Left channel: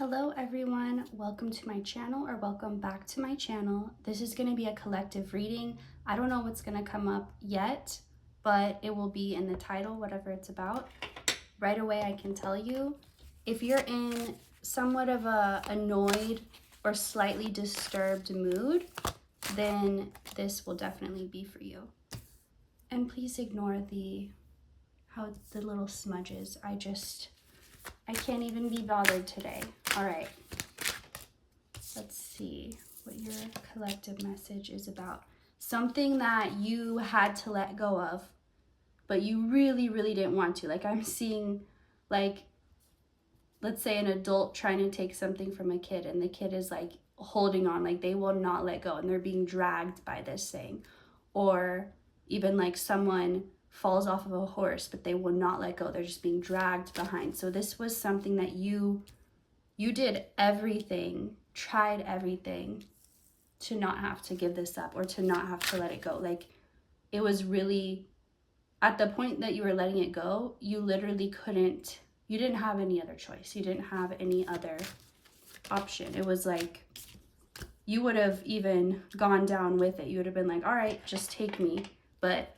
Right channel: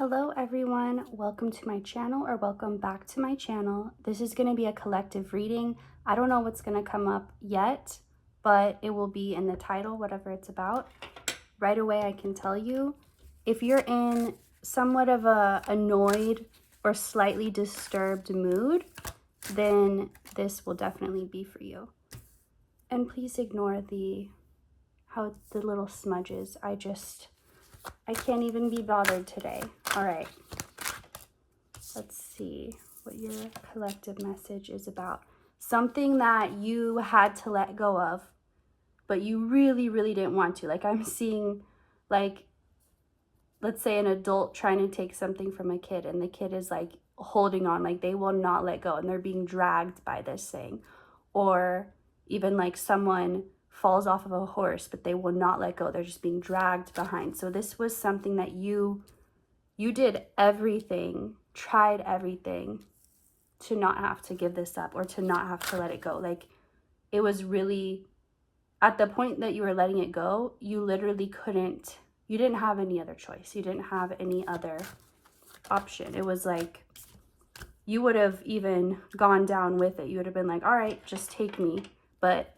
Hello everyone, welcome to my channel or welcome back to my channel. This is going to be a collective reading. I don't know what's going to come up yet, but it will be in the title, whatever it's about. Right away I can tell you, if you're in somewhat of a annoyed or slightly disturbed mood, then this will definitely be for you. And please ignore the little smudges. I can't even be bothered today. All right, let's see what your collective message is about. Something that you had to let go of, but you really, really didn't want to. Like I'm seeing, like, let's say an adult trying to take something from a kid and the kid is like holding on, like they will not let go and they're being dragged by this thing. Or even like someone falls off of a horse, but they will not let go. They're just being dragged behind. So this was something that you did everything, tried everything to not have to give this up or to not have to let it go. Like it was really, at the point that you were letting it go, you literally you didn't have any other choice. You didn't have any other option. It was like, you would have even gone down with it. You would have been like, all right, just take me. But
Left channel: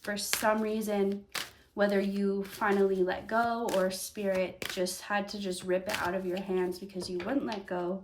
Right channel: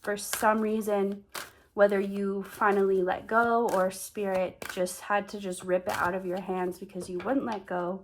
for some reason, whether you finally let go or spirit just had to just rip it out of your hands because you wouldn't let go,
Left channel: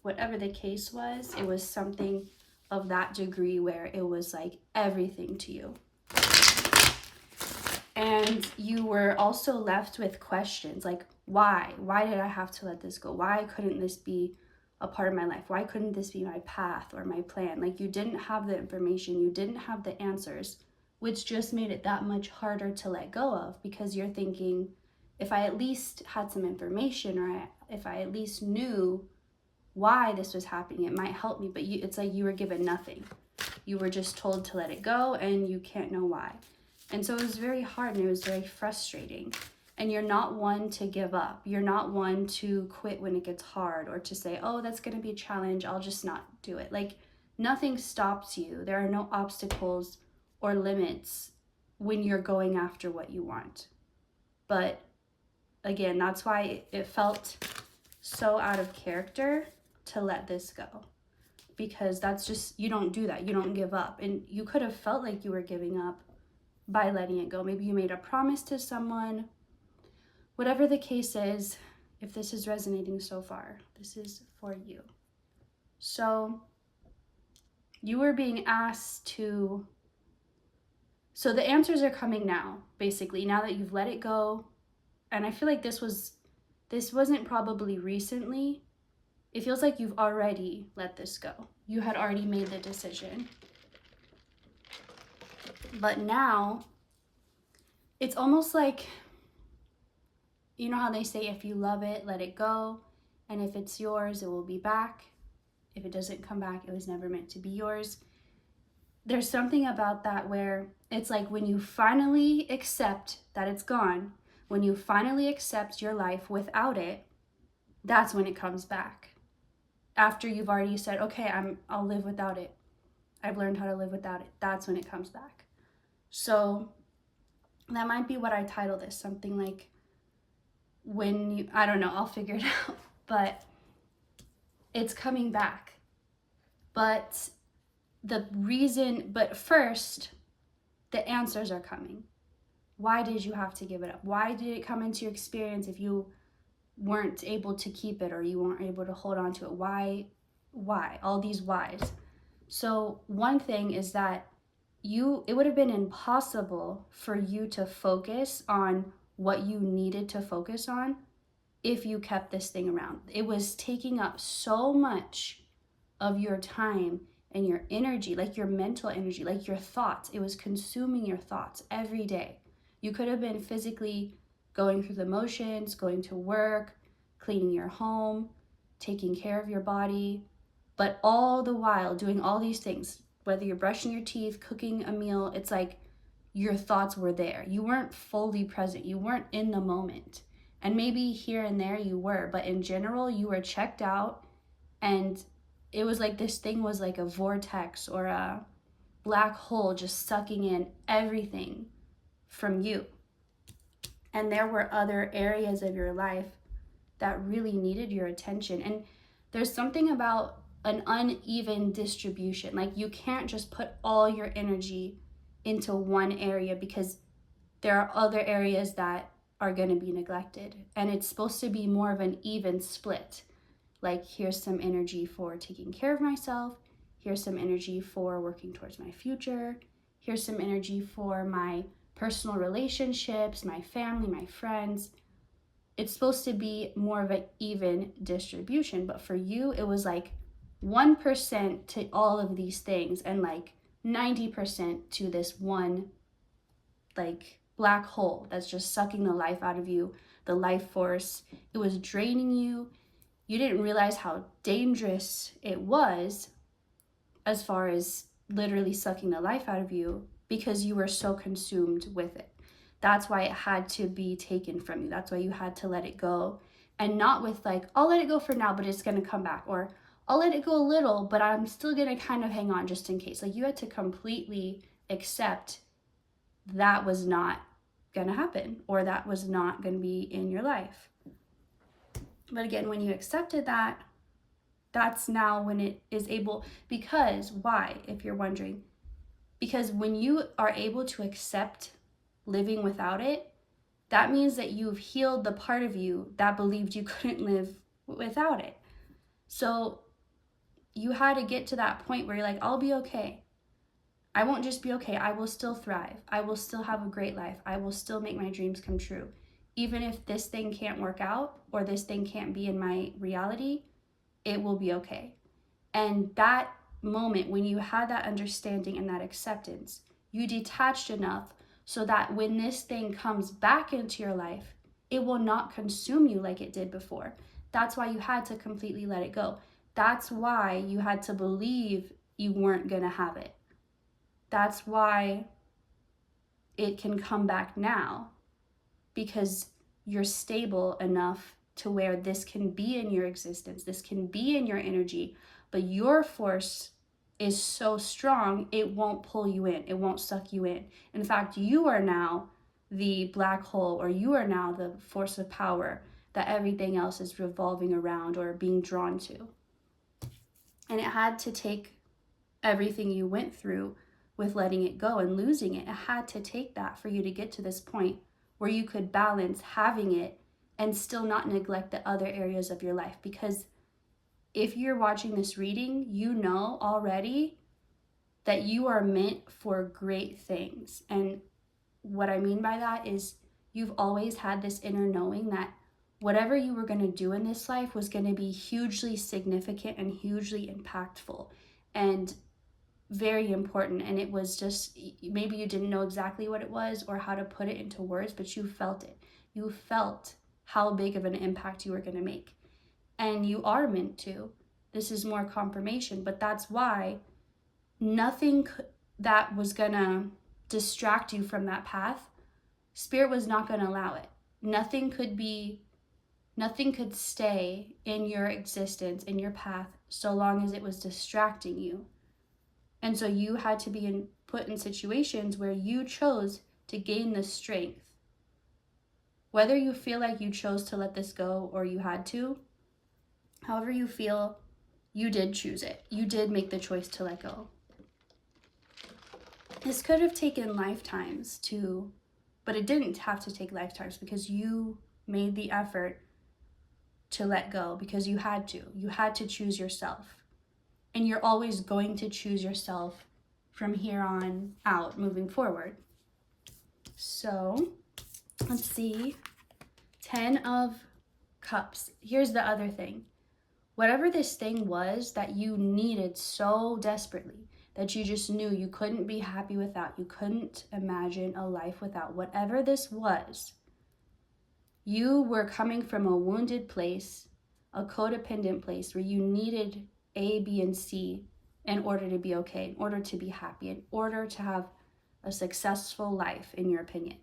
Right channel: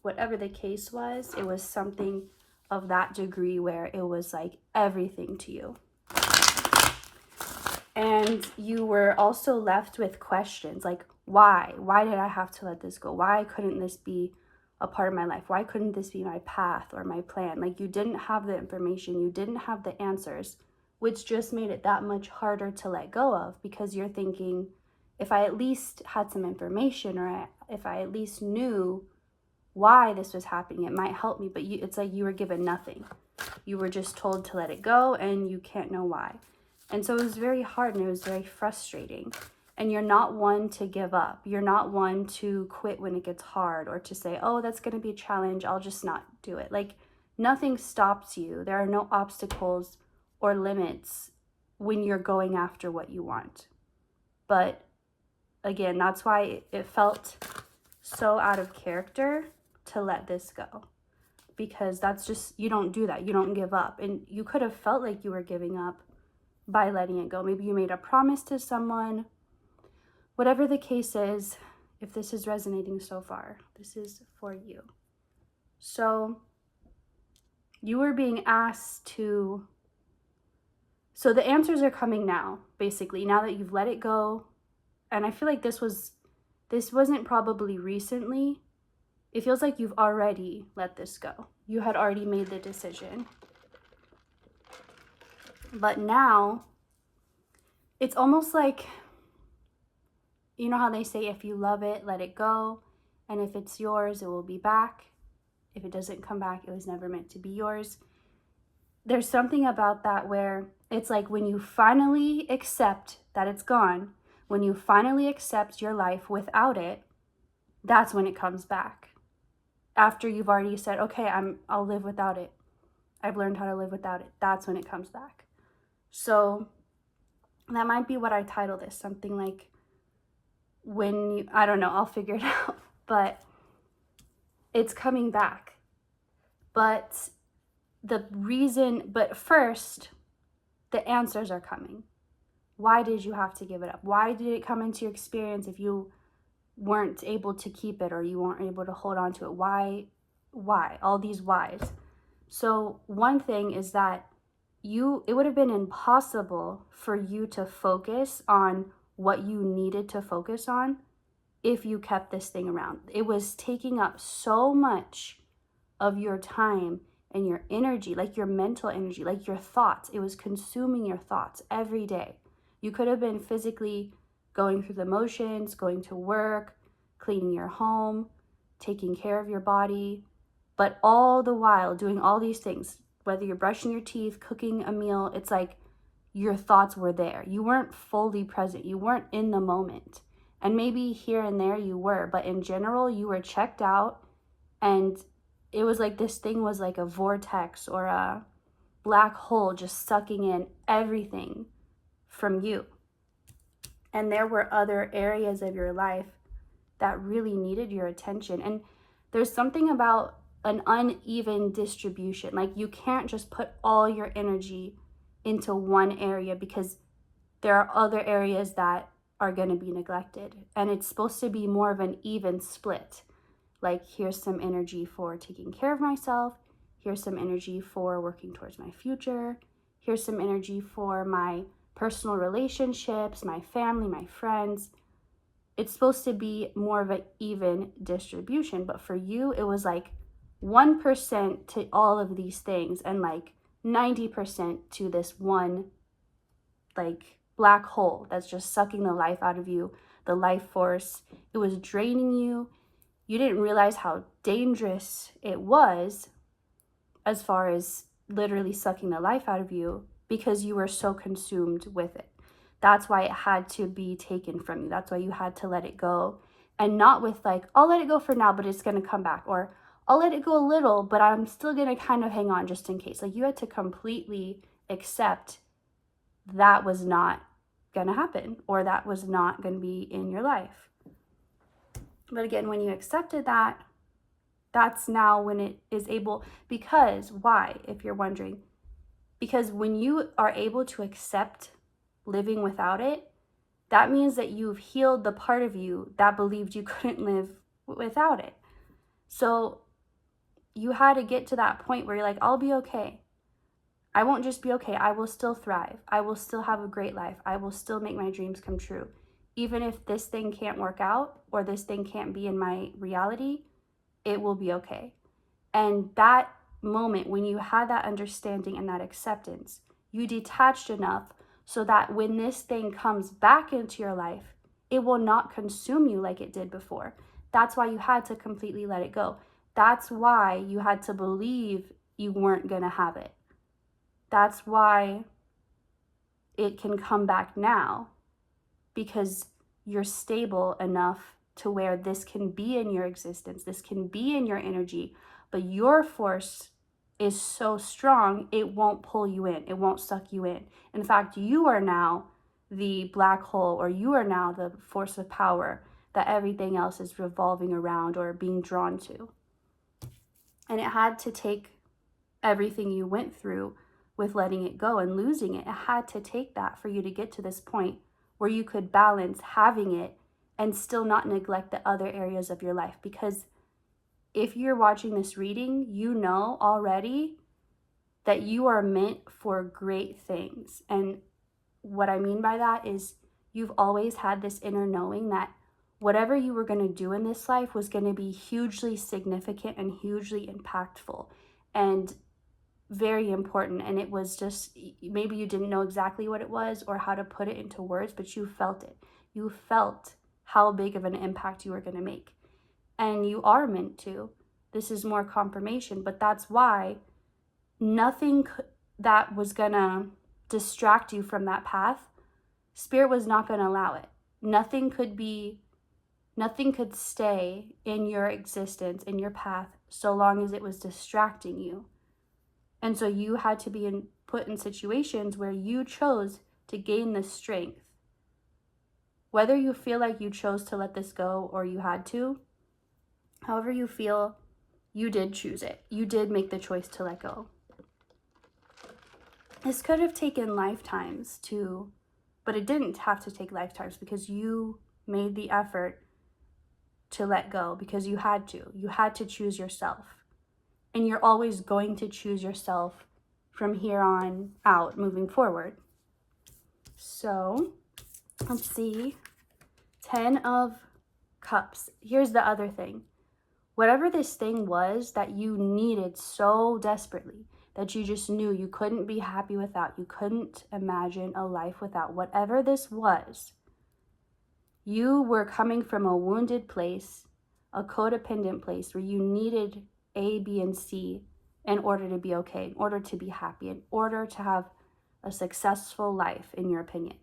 whatever the case was, it was something of that degree where it was like everything to you. And you were also left with questions like, why? Why did I have to let this go? Why couldn't this be a part of my life? Why couldn't this be my path or my plan? Like you didn't have the information, you didn't have the answers, which just made it that much harder to let go of, because you're thinking, if I at least had some information, or if I at least knew why this was happening, it might help me. But it's like you were given nothing. You were just told to let it go and you can't know why. And so it was very hard and it was very frustrating. And you're not one to give up. You're not one to quit when it gets hard or to say, oh, that's going to be a challenge, I'll just not do it. Like nothing stops you. There are no obstacles or limits when you're going after what you want. But again, that's why it felt so out of character to let this go, because that's just, you don't do that. You don't give up. And you could have felt like you were giving up by letting it go. Maybe you made a promise to someone. Whatever the case is, if this is resonating so far, this is for you. So you were being asked to, so the answers are coming now, basically, now that you've let it go. And I feel like this wasn't probably recently. It feels like you've already let this go. You had already made the decision. But now it's almost like, you know how they say, if you love it, let it go. And if it's yours, it will be back. If it doesn't come back, it was never meant to be yours. There's something about that where it's like when you finally accept that it's gone, when you finally accept your life without it, that's when it comes back. After you've already said, okay, I'll live without it. I've learned how to live without it. That's when it comes back. So that might be what I title this, something like I don't know, I'll figure it out, but it's coming back. But first, the answers are coming. Why did you have to give it up? Why did it come into your experience if you weren't able to keep it or you weren't able to hold on to it? Why? All these whys. So one thing is that it would have been impossible for you to focus on what you needed to focus on if you kept this thing around. It was taking up so much of your time and your energy, like your mental energy, like your thoughts. It was consuming your thoughts every day. You could have been physically going through the motions, going to work, cleaning your home, taking care of your body, but all the while doing all these things, whether you're brushing your teeth, cooking a meal, it's like your thoughts were there. You weren't fully present. You weren't in the moment. And maybe here and there you were, but in general, you were checked out, and it was like this thing was like a vortex or a black hole just sucking in everything from you. And there were other areas of your life that really needed your attention. And there's something about an uneven distribution. Like, you can't just put all your energy into one area, because there are other areas that are going to be neglected. And it's supposed to be more of an even split. Like, here's some energy for taking care of myself. Here's some energy for working towards my future. Here's some energy for my personal relationships, my family, my friends. It's supposed to be more of an even distribution. But for you, it was like 1% to all of these things, and like 90% to this one, like, black hole that's just sucking the life out of you, the life force. It was draining you. You didn't realize how dangerous it was, as far as literally sucking the life out of you, because you were so consumed with it. That's why it had to be taken from you. That's why you had to let it go. And not with like, I'll let it go for now, but it's going to come back. Or I'll let it go a little, but I'm still going to kind of hang on just in case. Like, you had to completely accept that was not going to happen, or that was not going to be in your life. But again, when you accepted that, that's now when it is able, because why, if you're wondering? Because when you are able to accept living without it, that means that you've healed the part of you that believed you couldn't live without it. So you had to get to that point where you're like, I'll be okay. I won't just be okay. I will still thrive. I will still have a great life. I will still make my dreams come true. Even if this thing can't work out, or this thing can't be in my reality, it will be okay. And that moment, when you had that understanding and that acceptance, you detached enough so that when this thing comes back into your life, it will not consume you like it did before. That's why you had to completely let it go. That's why you had to believe you weren't going to have it. That's why it can come back now, because you're stable enough to where this can be in your existence, this can be in your energy, but your force is so strong, it won't pull you in, it won't suck you in. In fact, you are now the black hole, or you are now the force of power that everything else is revolving around or being drawn to. And it had to take everything you went through with letting it go and losing it. It had to take that for you to get to this point where you could balance having it and still not neglect the other areas of your life. Because if you're watching this reading, you know already that you are meant for great things. And what I mean by that is, you've always had this inner knowing that whatever you were going to do in this life was going to be hugely significant and hugely impactful and very important. And it was just, maybe you didn't know exactly what it was or how to put it into words, but you felt it. You felt how big of an impact you were going to make. And you are meant to. This is more confirmation, but that's why nothing that was going to distract you from that path, Spirit was not going to allow it. Nothing could stay in your existence, in your path, so long as it was distracting you. And so you had to be put in situations where you chose to gain the strength. Whether you feel like you chose to let this go or you had to, however you feel, you did choose it. You did make the choice to let go. This could have taken lifetimes too, but it didn't have to take lifetimes, because you made the effort to let go, because you had to. You had to choose yourself. And you're always going to choose yourself from here on out, moving forward. So, let's see. 10 of Cups. Here's the other thing. Whatever this thing was that you needed so desperately, that you just knew you couldn't be happy without, you couldn't imagine a life without, whatever this was, you were coming from a wounded place, a codependent place where you needed A, B, and C in order to be okay, in order to be happy, in order to have a successful life, in your opinion.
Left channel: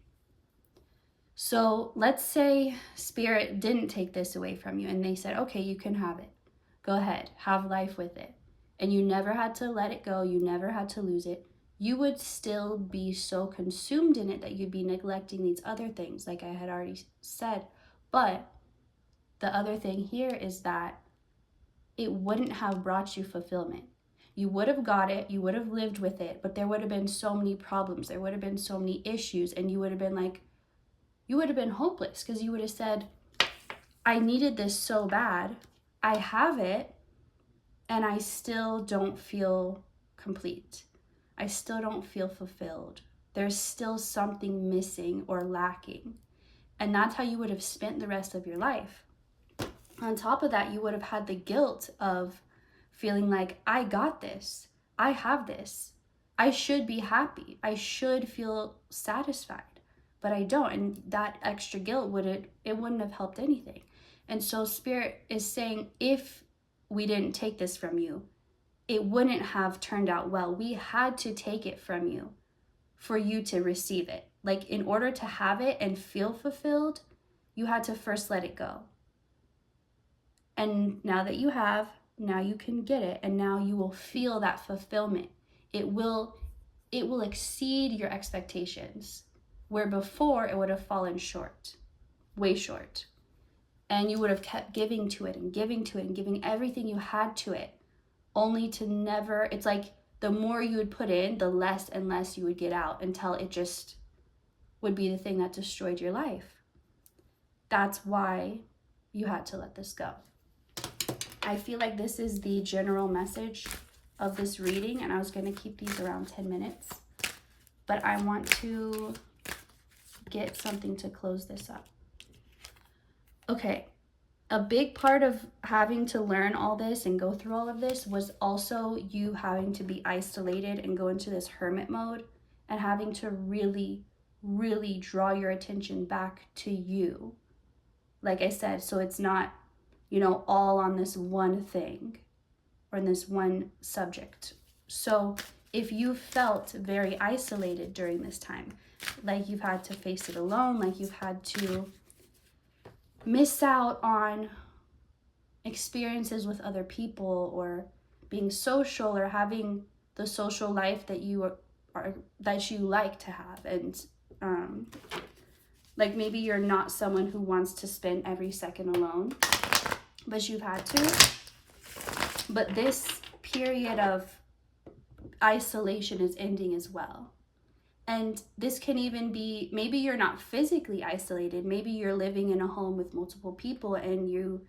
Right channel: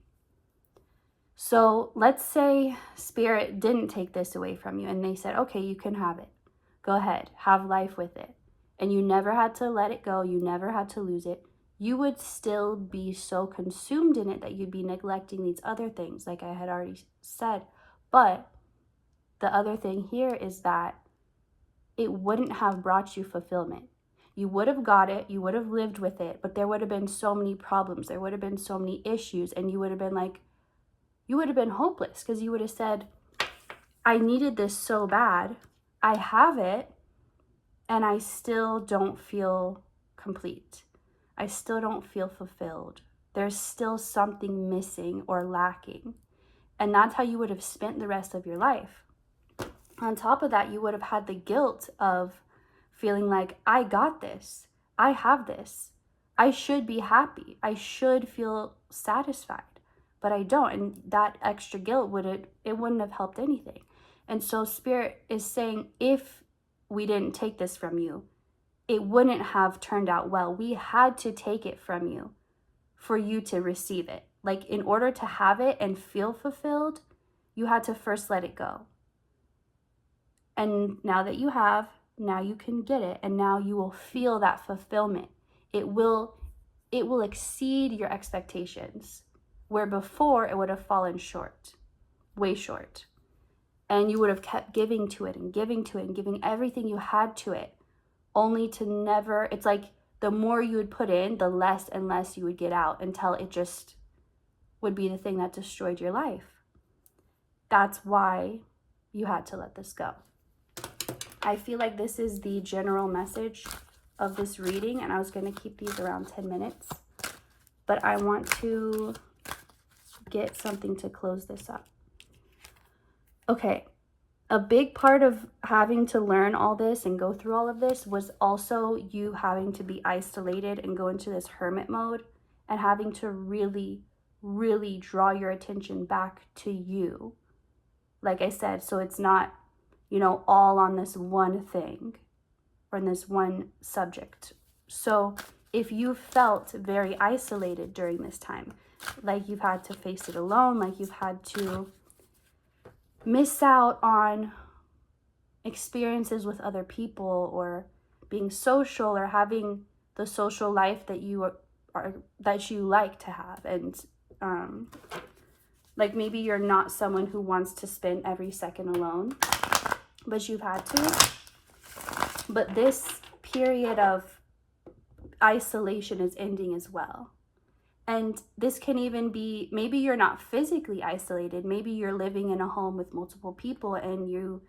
So let's say Spirit didn't take this away from you and they said, okay, you can have it. Go ahead, have life with it. And you never had to let it go, you never had to lose it. You would still be so consumed in it that you'd be neglecting these other things, like I had already said. But the other thing here is that it wouldn't have brought you fulfillment. You would have got it, you would have lived with it, but there would have been so many problems, there would have been so many issues, and you would have been like, you would have been hopeless, because you would have said, I needed this so bad, I have it, and I still don't feel complete. I still don't feel fulfilled. There's still something missing or lacking. And that's how you would have spent the rest of your life. On top of that, you would have had the guilt of feeling like, I got this, I have this, I should be happy, I should feel satisfied, but I don't. And that extra guilt wouldn't have helped anything. And so Spirit is saying, if we didn't take this from you, it wouldn't have turned out well. We had to take it from you for you to receive it. Like, in order to have it and feel fulfilled, you had to first let it go. And now that you have, now you can get it, and now you will feel that fulfillment. It will exceed your expectations, where before it would have fallen short, way short. And you would have kept giving to it and giving to it and giving everything you had to it, only to never, it's like the more you would put in, the less and less you would get out, until it just would be the thing that destroyed your life. That's why you had to let this go. I feel like this is the general message of this reading, and I was going to keep these around 10 minutes, but I want to get something to close this up. Okay, a big part of having to learn all this and go through all of this was also you having to be isolated and go into this hermit mode, and having to really, really draw your attention back to you. Like I said, so it's not, all on this one thing or in this one subject. So if you felt very isolated during this time, like you've had to face it alone, like you've had to miss out on experiences with other people, or being social, or having the social life that you like to have, and like maybe you're not someone who wants to spend every second alone, but you've had to. But this period of isolation is ending as well. And this can even be, maybe you're not physically isolated, maybe you're living in a home with multiple people, and you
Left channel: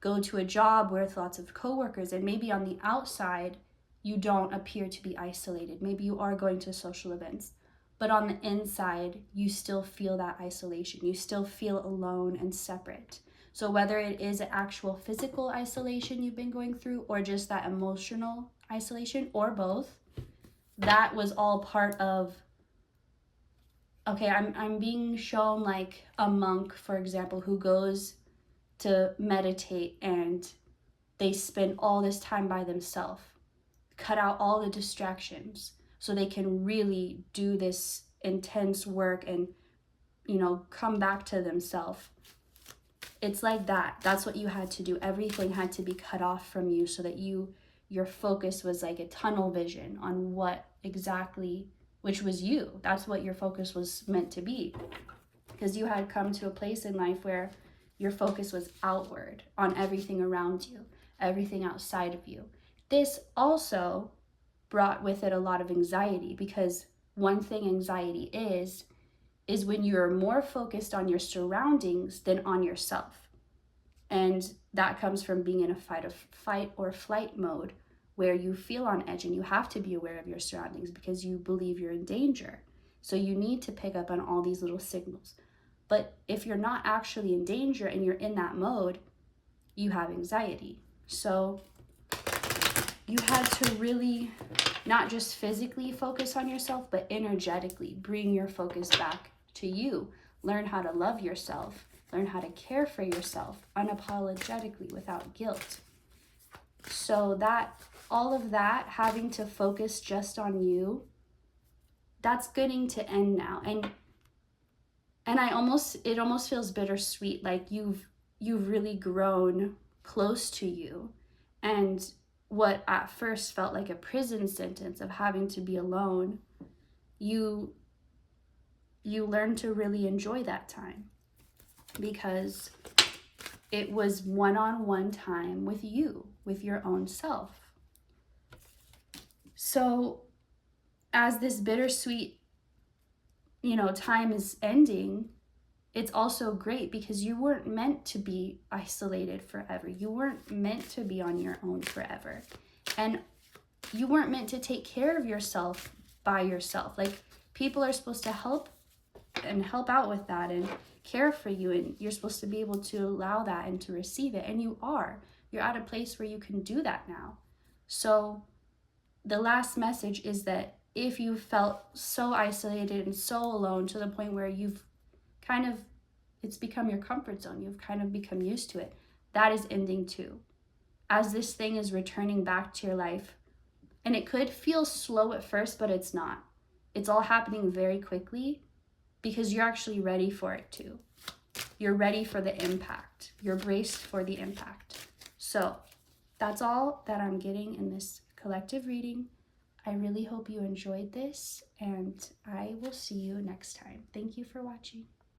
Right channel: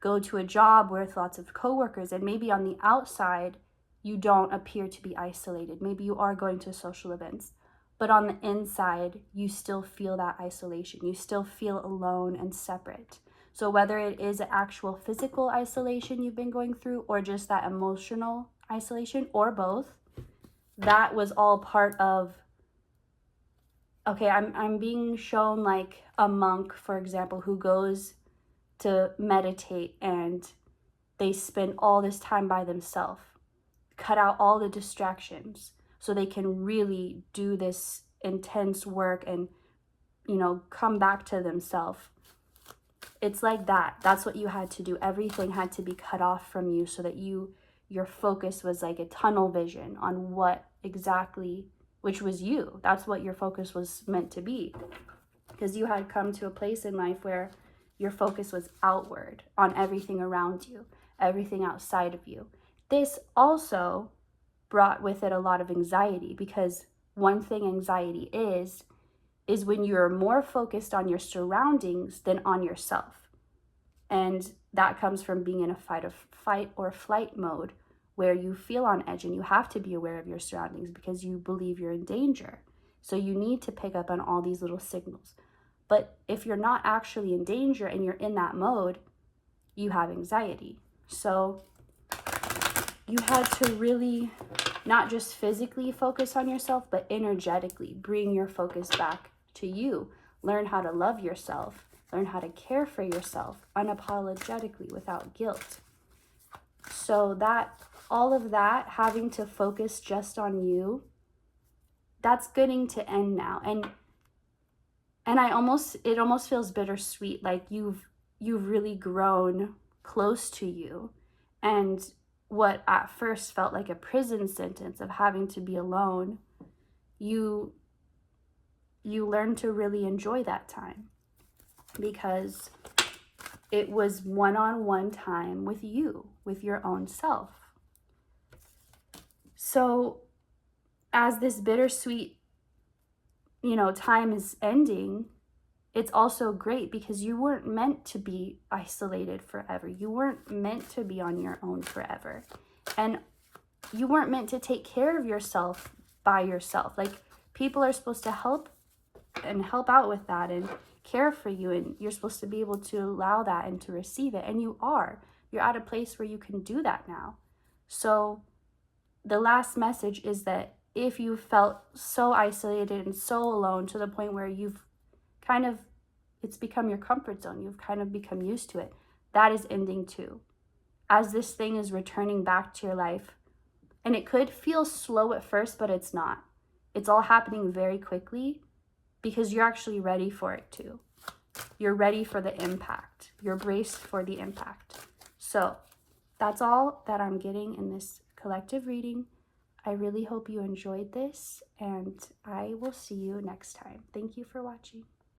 go to a job with lots of coworkers, and maybe on the outside you don't appear to be isolated. Maybe you are going to social events, but on the inside you still feel that isolation. You still feel alone and separate. So whether it is an actual physical isolation you've been going through, or just that emotional isolation, or both, that was all part of, okay, I'm being shown like a monk, for example, who goes to meditate and they spend all this time by themselves, cut out all the distractions so they can really do this intense work and, come back to themselves. It's like that. That's what you had to do. Everything had to be cut off from you so that your focus was like a tunnel vision on what exactly, which was you. That's what your focus was meant to be. Because you had come to a place in life where your focus was outward on everything around you, everything outside of you. This also brought with it a lot of anxiety, because one thing anxiety is when you're more focused on your surroundings than on yourself. And that comes from being in a fight or flight mode, where you feel on edge and you have to be aware of your surroundings because you believe you're in danger. So you need to pick up on all these little signals. But if you're not actually in danger and you're in that mode, you have anxiety. So you had to really not just physically focus on yourself, but energetically bring your focus back to you. Learn how to love yourself. Learn how to care for yourself unapologetically, without guilt. So that, all of that, having to focus just on you, that's getting to end now. And it almost feels bittersweet, like you've really grown close to you. And what at first felt like a prison sentence of having to be alone, you learn to really enjoy that time, because It was one-on-one time with you, with your own self. So as this bittersweet, time is ending, it's also great because you weren't meant to be isolated forever. You weren't meant to be on your own forever. And you weren't meant to take care of yourself by yourself. Like, people are supposed to help out with that and care for you, and you're supposed to be able to allow that and to receive it. And you are. You're at a place where you can do that now. So the last message is that if you felt so isolated and so alone to the point where it's become your comfort zone, you've kind of become used to it, that is ending too. As this thing is returning back to your life, and it could feel slow at first, but it's not. It's all happening very quickly because you're actually ready for it too. You're ready for the impact. You're braced for the impact. So that's all that I'm getting in this collective reading. I really hope you enjoyed this, and I will see you next time. Thank you for watching.